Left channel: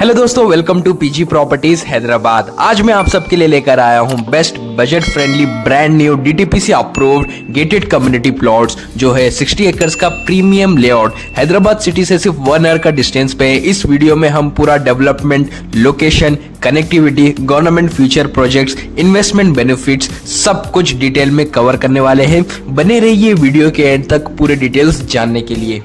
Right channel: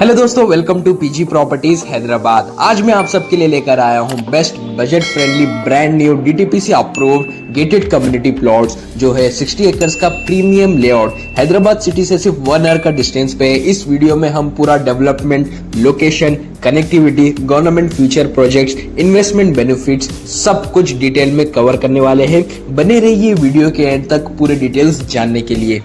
Hello दोस्तों, welcome to PG properties Hyderabad. आज मैं आप सबके लिए लेकर आया हूं best budget friendly brand new DTPC approved gated community plots जो है 60 एकर्स का प्रीमियम लेआउट हैदराबाद सिटी से सिर्फ 1 आवर का डिस्टेंस पे है। इस वीडियो में हम पूरा development, location, connectivity, government future projects, investment benefits सब कुछ डिटेल में कवर करने वाले हैं। बने रहिए वीडियो के एंड तक पूरे डिटेल्स जानने के लिए।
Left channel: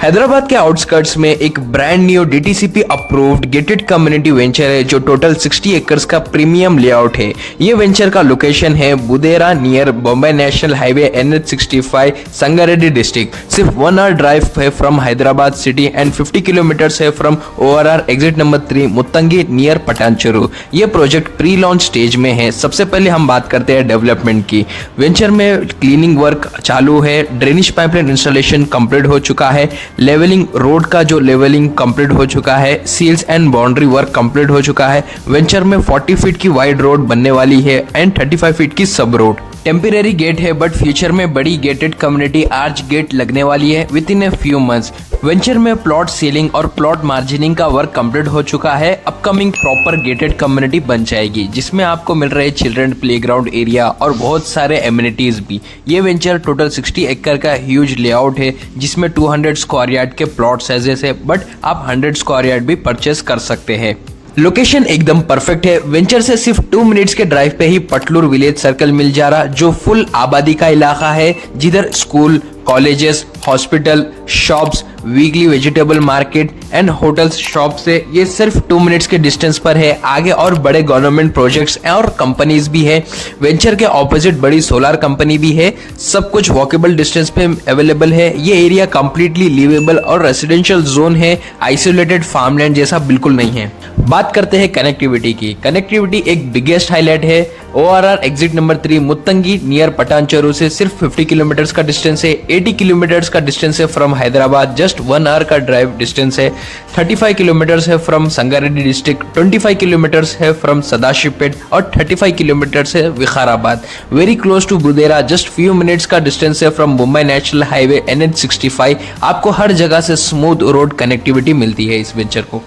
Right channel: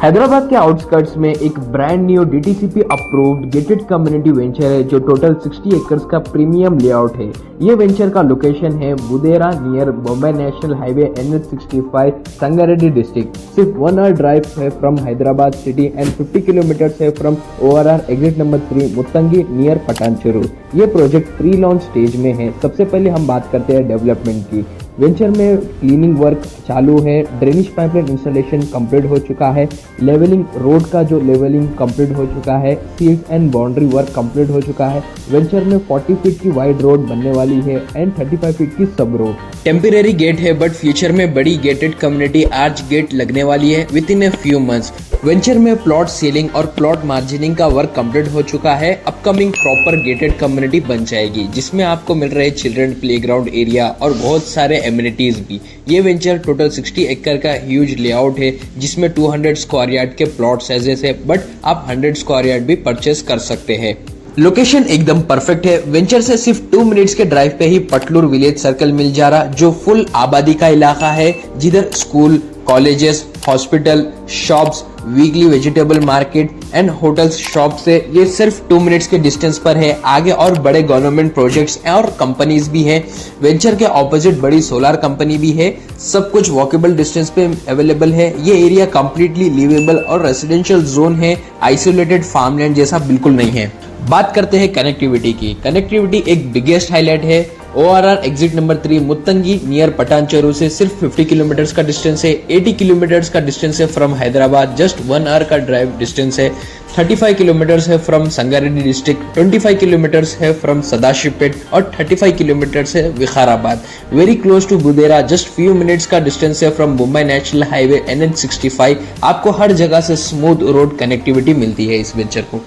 हैदराबाद के आउटस्कर्ट्स में एक brand new DTCP approved gated community venture है जो टोटल 60 एकर्स का प्रीमियम लेआउट है। ये वेंचर का लोकेशन है Budera near Bombay national highway NH65 Sangareddy district. सिर्फ 1 आवर ड्राइव है from Hyderabad city and 50 kilometres है from ORR exit number 3 Muttangi near Patancheru. ये प्रोजेक्ट प्री लॉन्च स्टेज में है। सबसे पहले हम बात करते हैं डेवलपमेंट की। वेंचर में क्लीनिंग वर्क चालू है, ड्रेनेज पाइपलाइन इंस्टॉलेशन कंप्लीट हो चुका है, लेवलिंग रोड का जो लेवलिंग कंप्लीट हो चुका है, seals and boundary work complete हो चुका है। वेंचर में 40 फीट की वाइड रोड बनने वाली है एंड 35 फीट की सब रोड। टेम्परेरी गेट है बट फ्यूचर में बड़ी गेटेड कम्युनिटी आर्च गेट लगने वाली है with in a few months. Venture में प्लॉट सीलिंग और प्लॉट मार्जिनिंग का वर्क कंप्लीट हो चुका है। अपकमिंग प्रॉपर गेटेड कम्युनिटी बन जाएगी जिसमें आपको मिल रहे चिल्ड्रन प्लेग्राउंड एरिया और बहुत सारे एमिनिटीज भी। ये वेंचर टोटल 60 एकड़ का ह्यूज लेआउट है जिसमें 200 स्क्वायर यार्ड के प्लॉट साइजेस है बट आप 100 स्क्वायर यार्ड भी परचेस कर सकते हैं। लोकेशन एकदम परफेक्ट है। वेंचर से सिर्फ 2 मिनट्स के ड्राइव पे ही पटलूर विलेज सर्कल मिल जा रहा जो फुल आबादी का इलाका है, जिधर school, colleges, hospital, shops, weekly vegetable market and hotels shop से ये सिर्फ 2 मिनट्स के डिस्टेंस पर है। आगे और बड़े गवर्नमेंट प्रोजेक्ट्स और कंपनीज भी है। वेंचर के ऑपोजिट बड़ी सोलर कंपनी भी है। सब कुछ वॉकेबल डिस्टेंस पे अवेलेबल है। ये एरिया कंप्लीटली लिवेबल और रेसिडेंशियल जोन है, आइसोलेटेड फार्मलैंड जैसा बिल्कुल नहीं है। बात करते हैं कनेक्टिविटी की। कनेक्टिविटी एक बिगेस्ट हाईलाइट है। ORR exit number 3 Muttangi near पटानचेरू से सिर्फ 50 किलोमीटर्स का डिस्टेंस है। 80 किलोमीटर्स का डिस्टेंस है फ्रॉम हैदराबाद, जस्ट 1 आवर का ड्राइव डिस्टेंस है। 35 किलोमीटर्स है फ्रॉम संगारेड्डी डिस्ट्रिक्ट, 25 किलोमीटर्स है फ्रॉम सदाशिवपेट और 35 किलोमीटर्स है Vikarabad. Very close to Budera, just few minutes का डिस्टेंस है from Mumbai national highway NH65। आपको हर जगह से स्मूथ रोड कनेक्टिविटी मिलती है इस वेंचर को।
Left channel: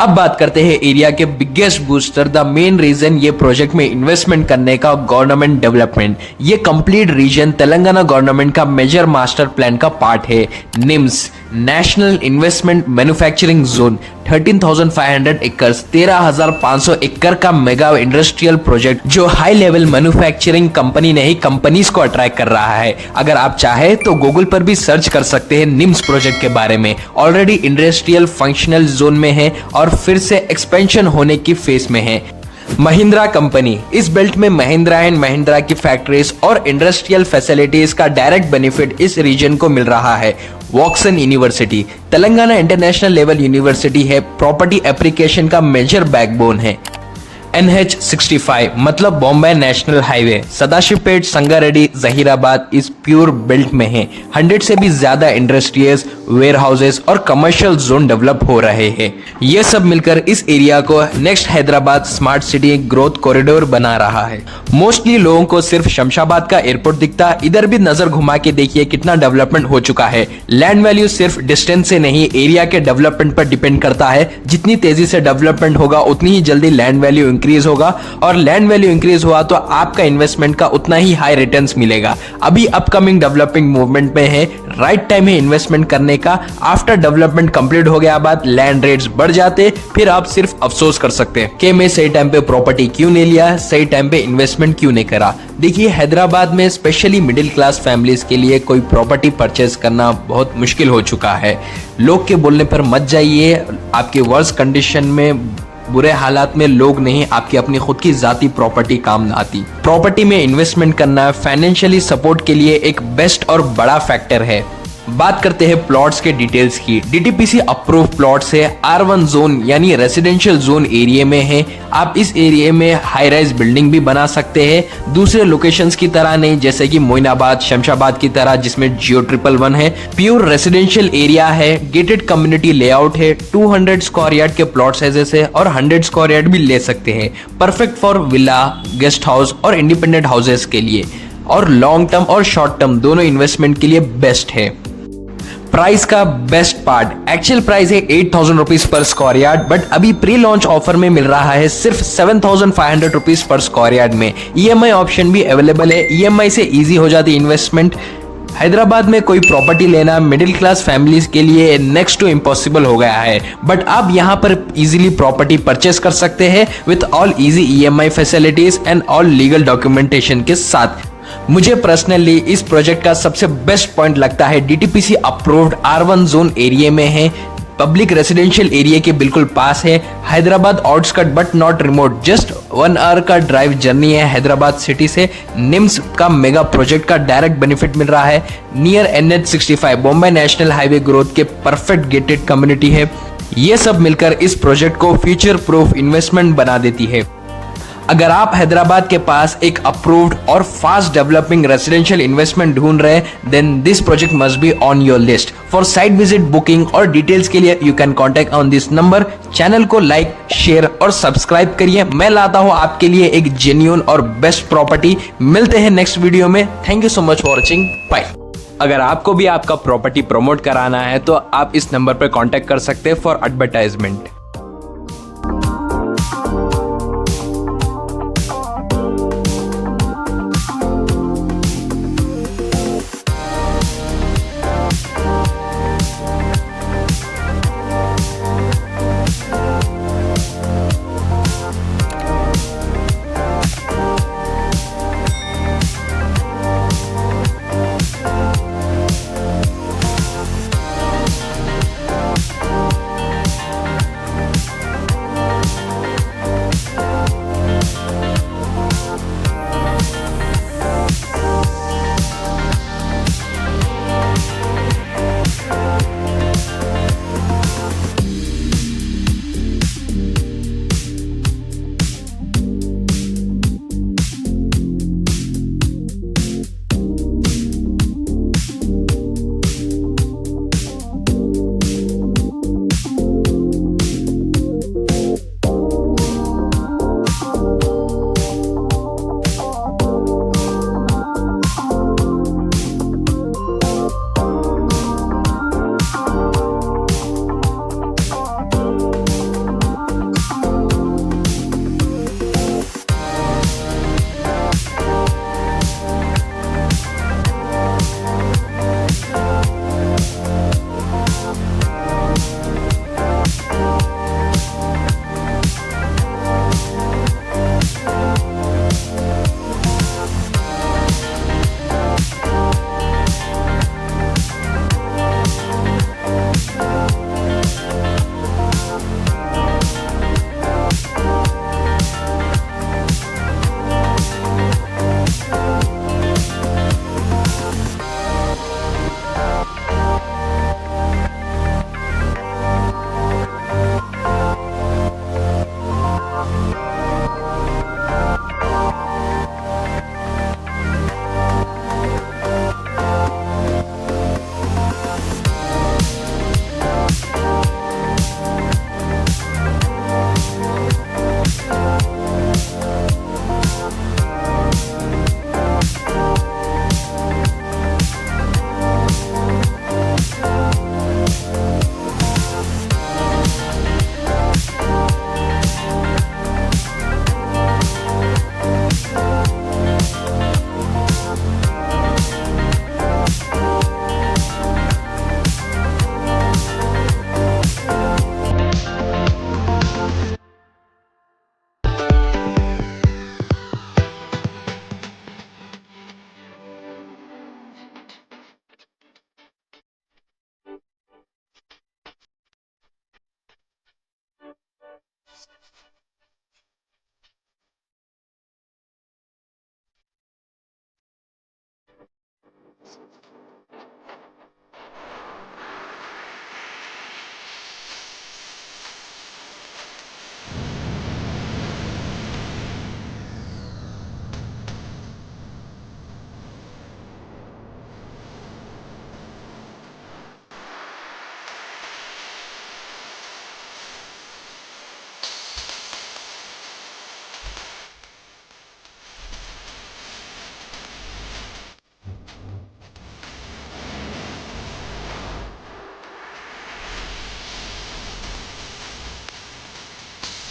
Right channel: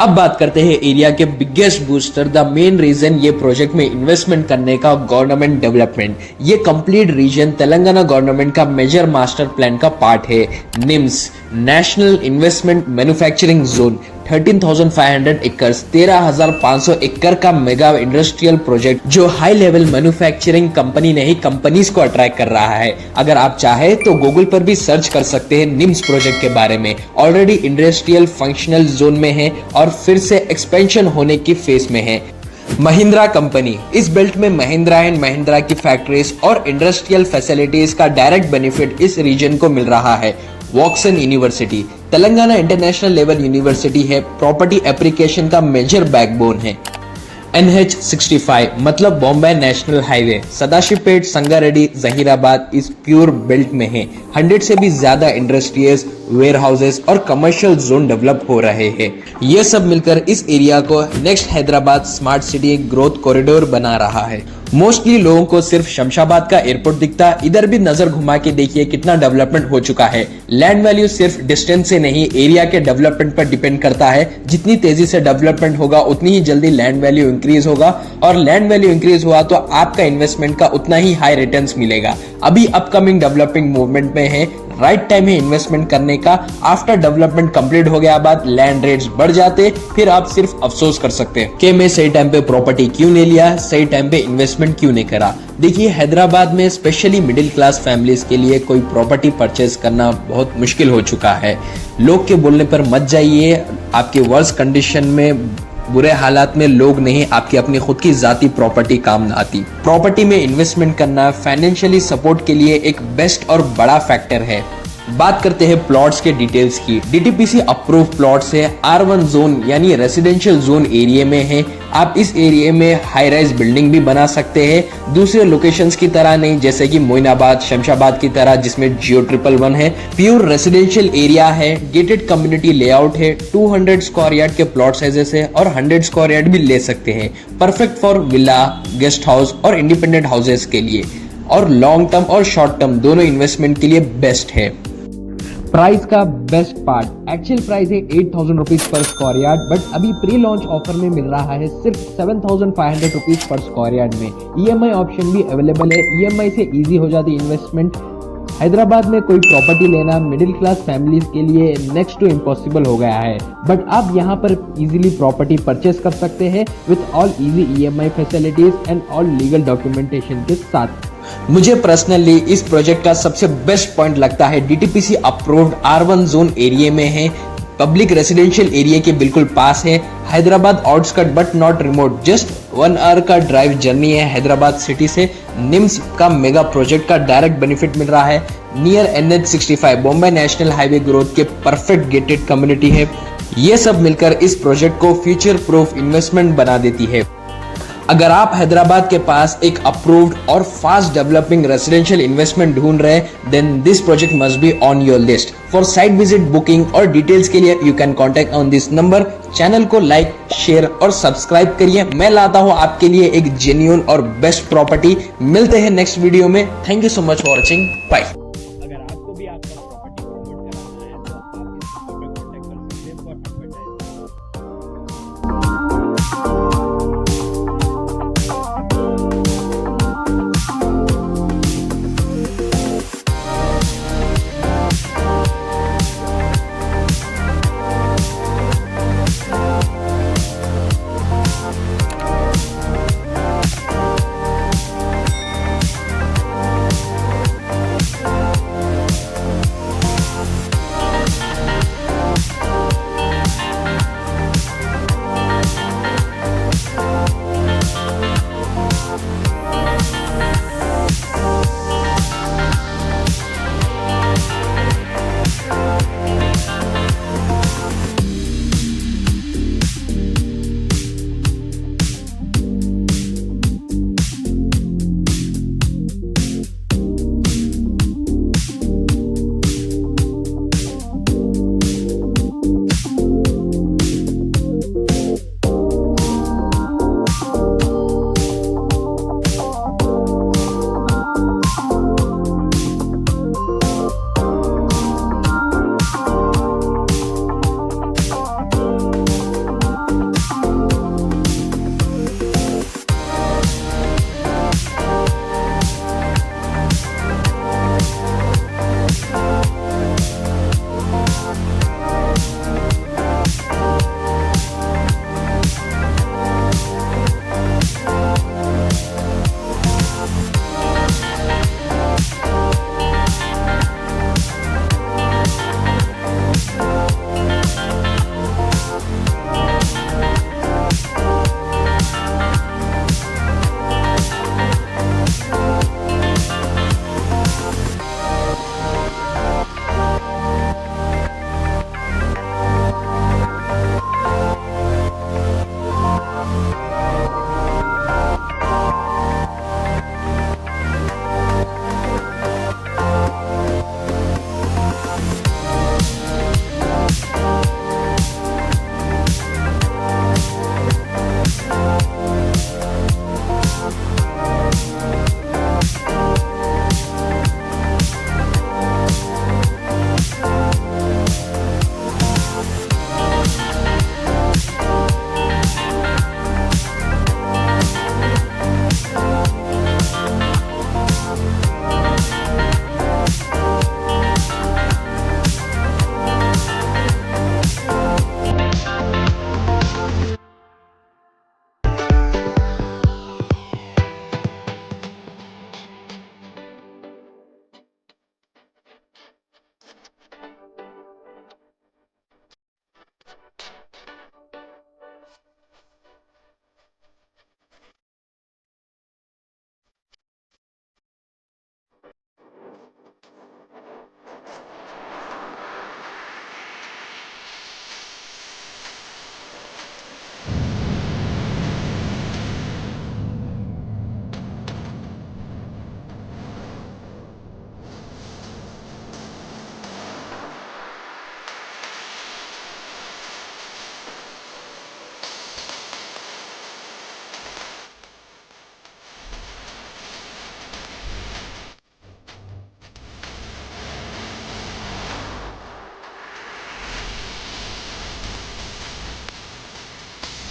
अब बात करते हैं एरिया के biggest booster, the main reason ये प्रोजेक्ट में इन्वेस्टमेंट करने का, गवर्नमेंट डेवलपमेंट। ये कंप्लीट रीजन तेलंगाना गवर्नमेंट का मेजर मास्टर प्लान का पार्ट है। NIMZ national investment manufacturing zone 13,500 acres 13,500 एकड़ का मेगा इंडस्ट्रियल प्रोजेक्ट जो हाई लेवल मैन्युफैक्चरिंग कंपनी नहीं कंपनीज को अट्रैक्ट कर रहा है। अगर आप चाहे तो गूगल पर भी सर्च कर सकते हैं निम्स प्रोजेक्ट के बारे में। ऑलरेडी इंडस्ट्रियल फंक्शनल जोन में है और फिर से एक्सपेंशन होने की फेज में है। महिंद्रा कंपनी, इस बेल्ट में महिंद्रा एंड महिंद्रा की फैक्ट्रीज और इंडस्ट्रियल फैसिलिटीज का डायरेक्ट बेनिफिट इस रीजन को मिल रहा है। Woxsen university Telangana international level university है, प्रॉपर्टी एप्लीकेशन का मेजर बैकबोन है। NH65 मतलब बॉम्बे नेशनल हाईवे सदाशिवपेट संगारेड्डी जहीराबाद इस प्योर बेल्ट में है। 100 से भी ज्यादा इंडस्ट्रीज, वेयर हाउसेज और कमर्शियल जोन डेवलप हो रहे हैं। ये सब मिलकर इस एरिया को next Hyderabad smart city growth corridor बना रहा है। मोस्टली लोगों को सिर्फ शमशाबाद का एयरपोर्ट दिखता, इधर भी नजर घुमा के देखिए कितना डेवलपमेंट हो चुका है। लैंड वैल्यू सिर्फ डिस्टेंस से नहीं, एरिया के डेवलपमेंट पर डिपेंड करता है। जितनी तेजी से डेवलपमेंट होगा उतनी ही जल्दी लैंड वैल्यू इंक्रीज होगा और लैंड वैल्यू इंक्रीज हुआ तो आपका इन्वेस्टमेंट का उतना ही हाई रिटर्न्स मिलेगा। अभी अपकमिंग डेवलपिंग मूवमेंट में है, राइट टाइम है इन्वेस्टमेंट करने का। आफ्टर डेवलपमेंट कंप्लीट हो गया बाद लैंड रेट्स बढ़ जाते, फिर आप सिर्फ अफसोस कर सकते हैं कि मैं सही टाइम पे प्रॉपर्टी क्यों नहीं लिया, सही टाइम पे इन्वेस्टमेंट क्यों नहीं करा। देखिए हैदराबाद में स्पेशली मिडिल क्लास फैमिलीज के लिए कोई प्रॉपर्टी परचेज करना बहुत मुश्किल हो चुका है। लोग के बोलने पर मत जाइए। आपके वर्स्ट कंडीशन में, बुरे हालात में लोग नहीं, आपकी अपनी खुद की जाती प्रॉपर्टी काम आती। प्रॉपर्टी में इन्वेस्टमेंट करना फाइनेंशियली सपोर्ट के लिए एक बेस्ट और बड़ा फैक्टर है। बात करते हैं प्लॉट्स के डिटेल्स की। डीटीपीसी अप्रूव प्लॉट्स है, R1 जोन यानी रेसिडेंशियल जोन एरिया में है। आप इस एरिया में हाई राइज बिल्डिंग भी बना सकते हैं, दूसरे लोकेशंस की तरह नहीं, जैसे कि मोइनाबाद, शमशाबाद की तरह जिसमें जियो 111 है। प्योर रेसिडेंशियल एरिया है, गेटेड कम्युनिटी लेआउट है, 200 स्क्वायर यार्ड के प्लॉट साइजेस है और 100 स्क्वायर यार्ड भी ले सकते हैं। Perfect for villa, guest house और इंडिपेंडेंट हाउसेस के लिए, और लॉन्ग टर्म और शॉर्ट टर्म दोनों इन्वेस्टमेंट के लिए बेस्ट है। प्राइस का बेस्ट पार्ट, एक्चुअल प्राइस है 8,000 rupees per square yard, but अभी प्री लॉन्च ऑफर में मिल रहा है सिर्फ 7,500 रुपीज पर स्क्वायर यार्ड में। ईएमआई ऑप्शन भी अवेलेबल है, ईएमआई से इजी हो जाती इन्वेस्टमेंट। हैदराबाद में कोई प्रॉपर्टी लेना मिडिल क्लास फैमिलीज के लिए नेक्स्ट टू इम्पॉसिबल हो गया है, बट आप यहाँ पर इजीली प्रॉपर्टी परचेस कर सकते हैं with all easy EMI facilities and all legal documentation के साथ। मुझे पर्सनली इस प्रोजेक्ट का सबसे बेस्ट पॉइंट लगता है डीटीपीसी अप्रूव्ड R1 जोन एरिया में है, पब्लिक रेसिडेंशियल एरिया के बिल्कुल पास है, Hyderabad outskirt but not remote, just 1 hour का ड्राइव जर्नी है हैदराबाद सिटी से। निम्स का मेगा प्रोजेक्ट का डायरेक्ट बेनिफिट मिल रहा है, near NH65 Bombay national highway growth के परफेक्ट गेटेड कम्युनिटी है। ये सब मिलकर इस प्रोजेक्ट को फ्यूचर प्रूफ इन्वेस्टमेंट बना देती है। अगर आप हैदराबाद के पास एक अप्रूव्ड और फास्ट डेवलपिंग रेसिडेंशियल इन्वेस्टमेंट ढूंढ रहे हैं, then this project must be on your list. For site visit booking और डिटेल्स के लिए you can contact on this number. Channel को लाइक, शेयर और सब्सक्राइब करिए। मैं लाता हूं आपके लिए एक जेन्युइन और बेस्ट प्रॉपर्टी। मिलते हैं नेक्स्ट वीडियो में। Thank you so much for watching, bye. अगर आपको भी आपका प्रॉपर्टी प्रमोट कराना है तो आप इस नंबर पर कॉन्टेक्ट कर सकते हैं फॉर एडवर्टाइजमेंट।